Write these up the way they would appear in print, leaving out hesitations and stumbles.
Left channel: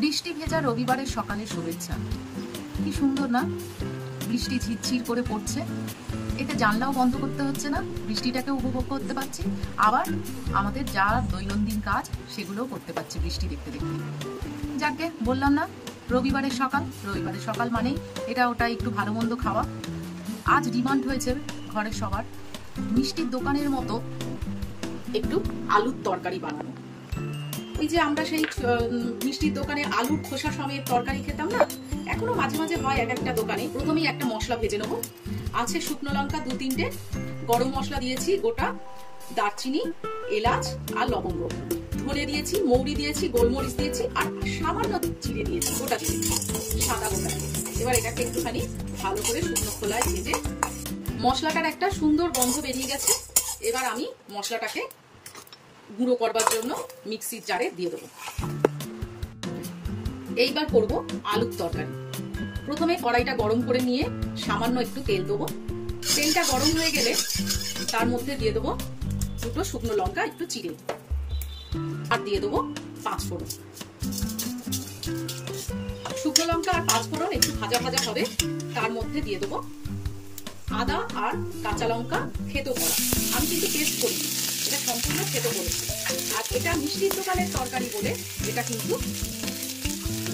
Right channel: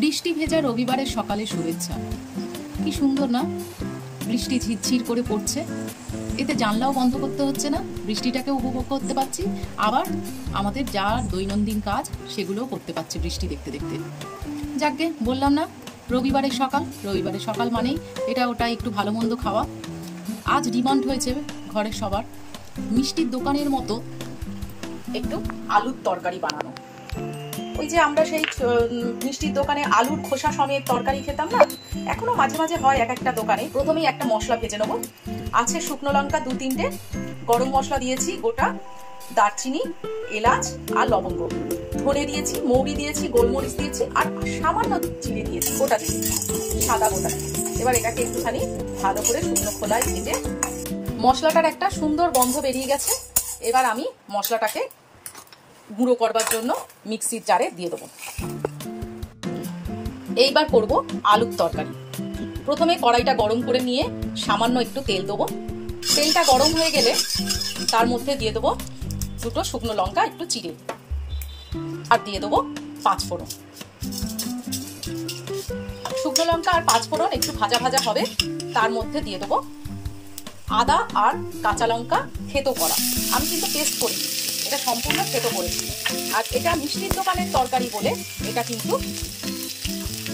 বৃষ্টি ভেজা রবিবারের সকালে শুভেচ্ছা। কি সুন্দর না, বৃষ্টি ঝিরঝির করে পড়ছে, এতে জানলাও বন্ধ করতে হচ্ছে না, বৃষ্টিটাকে উপভোগ করতে পারছি, আবার আমাদের যা দৈনন্দিন কাজ সেগুলোও করতে পারছি বৃষ্টি দেখতে দেখতে। যাকগে, বললাম না রবিবারের সকাল মানেই এটা ওটা একটু ভালো মন্দ খাওয়া। আজ ডিমান্ড হয়েছে ঘরের সবার মিষ্টির দোকানের মতো একটু আলুর তরকারি বানানো। ওই যে আমরা সেই মিষ্টির দোকানে আলুর খোসা সমেত তরকারি খেতাম না, এখনো মাঝে মাঝে হয় এক একটা দোকানে। প্রথমেই একটা মশলা ভেজে নেবো। আছে শুকনো লঙ্কা 2-3টে, গরম মশলা দিয়েছি গোটা, দারচিনি, এলাচ আর লবঙ্গ, ধনে দিয়েছি, মৌরি দিয়েছি, গোলমরিচ দিয়েছি আর সামান্য চিনি দিয়েছি, গোটা দিয়েছি, সাদা গোটা। এবার এটাকে একটুখানি ভালো করে শুকনো খোলায় ভেজে মশলাটার একটা সুন্দর গন্ধ বেরিয়ে গেছে। এবার আমি মশলাটাকে গুঁড়ো করবার জন্য মিক্সির জারে দিয়ে দেবো। এইবার করব আলুর তরকারি। প্রথমে কড়াইটা গরম করে নিয়ে সামান্য একটু তেল দেবো। তেলটা গরম হয়ে গেলে তার মধ্যে দিয়ে দেবো 2টো শুকনো লঙ্কা একটু চিড়ে, আর দিয়ে দেবো 5 ফোড়ন। শুকনো লঙ্কা আর 5 ফোড়ন একটু ভাজা ভাজা হবে, তার মধ্যে দিয়ে দেবো আদা আর কাঁচা লঙ্কা থেতো করা। আমি কিন্তু পেস্ট করি, এটা সম্পূর্ণ থেতো করেছি। আর এটা মিষ্টির দোকানের তরকারি বলে এটা কিন্তু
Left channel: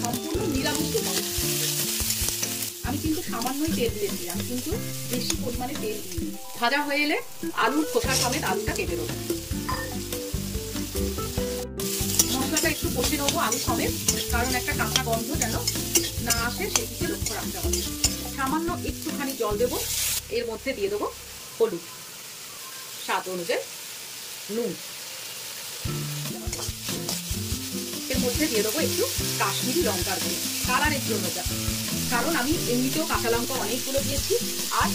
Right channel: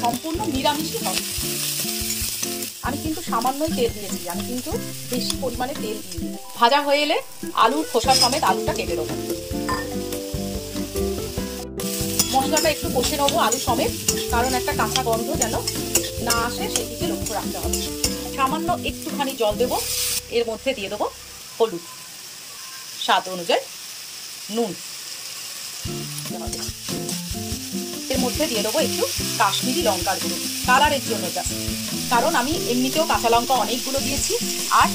সম্পূর্ণ নিরামিষই হবে। আমি কিন্তু সামান্যই তেল দিয়েছি, আমি কিন্তু বেশি পরিমাণে তেল দিইনি। ভাজা হয়ে এলে আলুর খোসা সমেত আলুটা কেটে দেবো। মশলাটা একটু কষে নেবো আলু সমেত, কারণ একটা কাঁচা গন্ধ যেন না আসে সেদিকে লক্ষ্য রাখতে হবে। সামান্য একটুখানি জল দেবো, এর মধ্যে দিয়ে দেবো হলুদ, স্বাদ অনুযায়ী নুন, এর মধ্যে দিয়ে দেবো একটু কাশ্মীরি লঙ্কার গুঁড়ো কালারের জন্য, কারণ আমি এমনিতেও কাঁচা লঙ্কা অনেকগুলো দিয়েছি। আর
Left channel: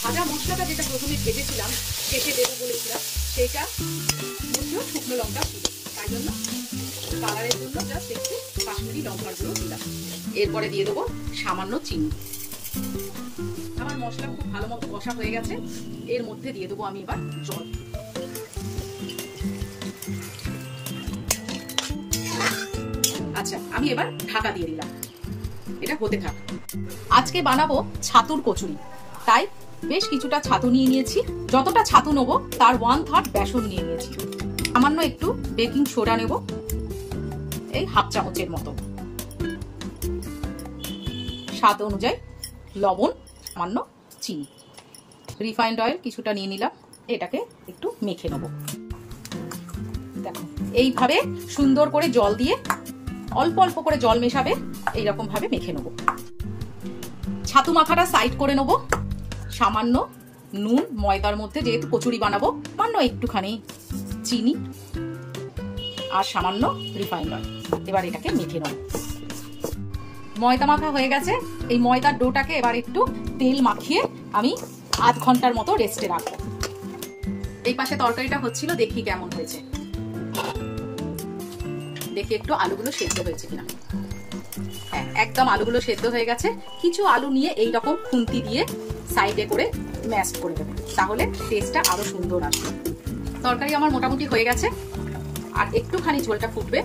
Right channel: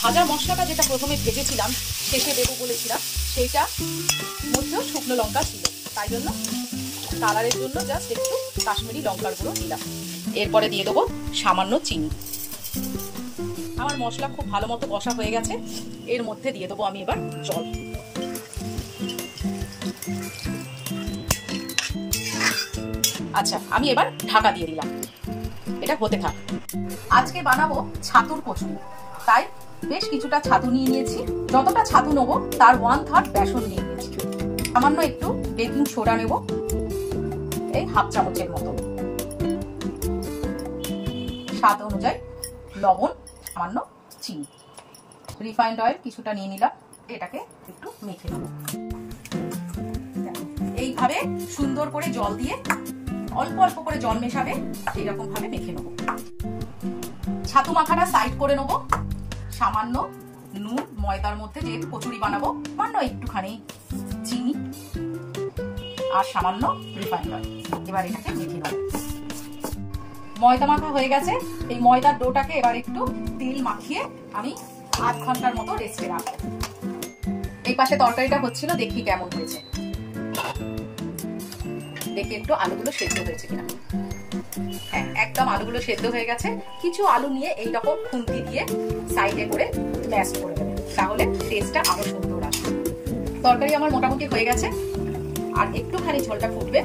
ভাজা মশলাটা যেটা প্রথমে ভেজেছিলাম, শেষে দেবো বলেছিলাম, সেটা মধ্যেও শুকনো লঙ্কা ছিল, তাই জন্য কালারের জন্য জাস্ট একটু কাশ্মীরি লঙ্কার গুঁড়ো দিলাম। এরপরে দিয়ে দেবো সামান্য চিনি। আমার মশলা খুব ভালো মতো কষা হয়ে গেছে, এর মধ্যে দিয়ে দেবো আমি এবার জল। আচ্ছা, আমি এবার ঢাকা দিয়ে দিলাম, এটা হতে থাক। আজকে বানাবো ছাতুর কচুরি, তাই বেশ কিছুটা ছাতু নিয়ে নিয়েছি। যতটা ছাতু নেবো তার 1/3 বেসন নিয়ে নিয়েছি। সামান্য একটু বেকিং সোডা নেব, এই 1/2 চামচের মতো, স্বাদ অনুযায়ী লবণ, সামান্য চিনি, রিফাইন্ড অয়েল কিছুটা নিয়ে নিলাম। এটাকে একটু মেখে নেব। এইভাবে সুন্দর করে জল দিয়ে অল্প অল্প করে জল মেশাবে, এইরকম ভাবে মেখে নেব। ছাতু মাখাটা সাইড করে নেব। সামান্য নুন, ময়দার মধ্যে যেহেতু কচুরি বানাবো, সামান্য একটুখানি চিনি আর সামান্য রিফাইন্ড অয়েল। এবার এটাকে মেখে নেব। ময়দা মাখা হয়ে গেছে, এই ময়দার ডোটাকে এবার একটু তেল মাখিয়ে আমি আধ ঘন্টার মতো রেস্টে রাখবো। এই পাশে তরকারিটা হচ্ছিল, দেখি কেমন হয়েছে, দেখি একটু আলুগুলো সেদ্ধ হয়েছে কিনা। একদম আলুগুলো সেদ্ধ হয়ে গেছে। কিছু আলু নিয়ে এইরকম খুন্তি দিয়ে সাইডে করে ম্যাশ করে দেবো, তাহলে টেস্টটা আরো সুন্দর আসবে। তরকারি আমার মোটামুটি হয়ে গেছে, আর একটুখানি ঝোলটা ফুটবে,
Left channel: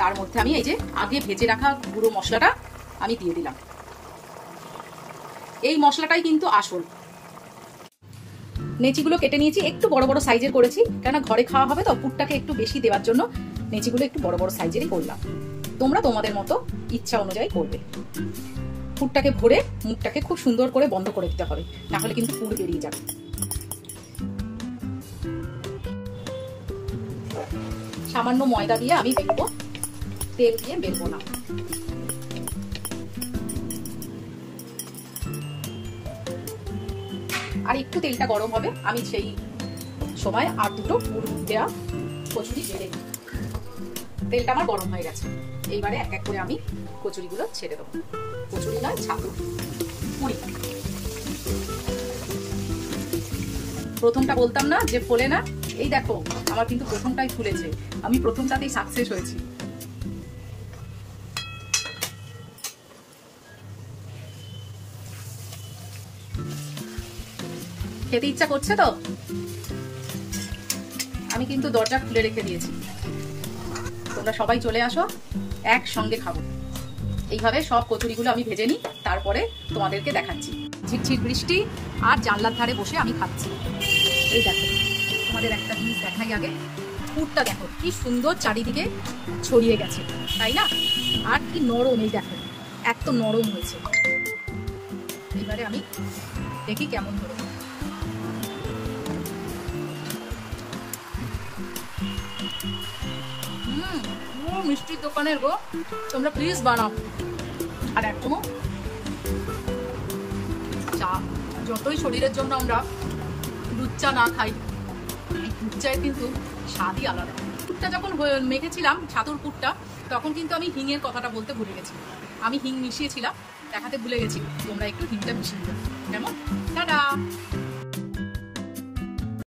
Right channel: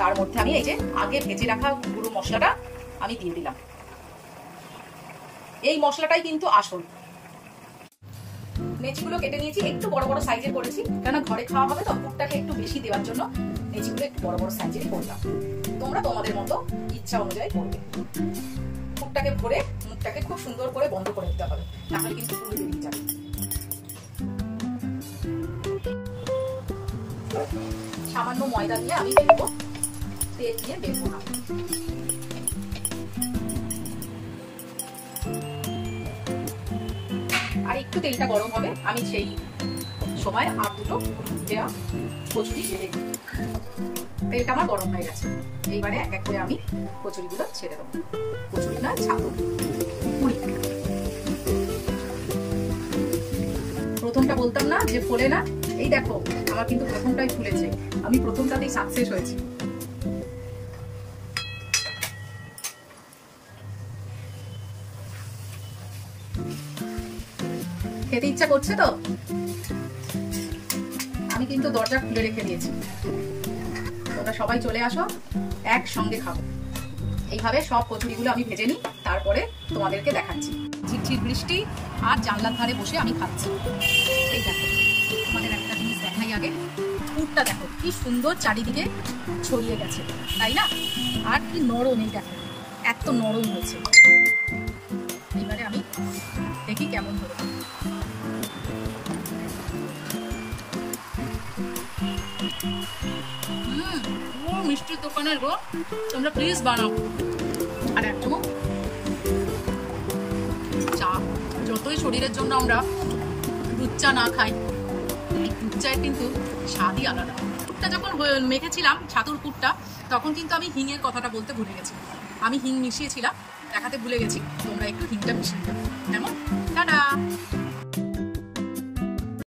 তার মধ্যে আমি এই যে আগে ভেজে রাখা গুঁড়ো মশলাটা আমি দিয়ে দিলাম। এই মশলাটাই কিন্তু আসল। নেচিগুলো কেটে নিয়েছি, একটু বড় বড় সাইজের করেছি, কেন ঘরে খাওয়া হবে তো, পুরটাকে একটু বেশি দেওয়ার জন্য নেচিগুলো একটু বড় বড় সাইজেরই করলাম। তোমরা তোমাদের মতো ইচ্ছা অনুযায়ী করবে। পুরটাকে ভরে মুখটাকে খুব সুন্দর করে বন্ধ করে দিতে হবে, তাহলে কিন্তু পুর বেরিয়ে যাবে। সামান্য ময়দা দিয়ে আমি বেলবো, তেল দিয়ে বেলবো না। আর একটু তেলটা গরম হবে, আমি সেই সময় আর 2টো দেওয়া কচুরি বেলে দিই। তেলটা আমার গরম হয়ে গেছে, এইবারে এক এক করে আমি কচুরিগুলো ছেড়ে দেবো। কচুরি না, ছাতু পুরি। প্রথমটা বলতাম না যে ফোলে না, এই দেখো আমার কিন্তু প্রথমটাই ফুলেছে, আমি প্রথমটাতেই সাকসেস হয়েছি। খেতে ইচ্ছা করছে তো, আমি কিন্তু দরজা খুলে রেখে দিয়েছি, তোমরা সবাই চলে আসো, একসঙ্গে খাবো। এইভাবে সব কচুরিগুলো আমি ভেজে নিই, তারপরে তোমাদেরকে দেখাচ্ছি। ঝিরঝির বৃষ্টি আর জানলার ধারে বসে আমি খাচ্ছি। এই দেখো, তোমাদের একটা জিনিস দেখাই আগে। পুরটা দেখো কি সুন্দর চারিদিকে ছড়িয়ে গেছে, তাই না? আর কি নরম, এই দেখো এত নরম হয়েছে। এবারে আমি দেখি কেমন হবে। মিষ্টির দোকানের গো, তোমরা প্লিজ বানাও। আর একদম চা, যতই শরীরের জন্য আমরা দুধ চা না খাই, এই দুধ চায়ের কিন্তু স্বাদই আলাদা। পুরটা যখন মেখেছিলাম, ছাতুর পুরটা, তখন কিন্তু আমি হিঙের কথাটা বলতে ভুলে গেছি। আমি হিং মিশিয়েছিলাম, দেখাতে ভুলে গেছি। তোমরা একটু হিংটা মিশিয়ে দাও, কেমন? টাটা।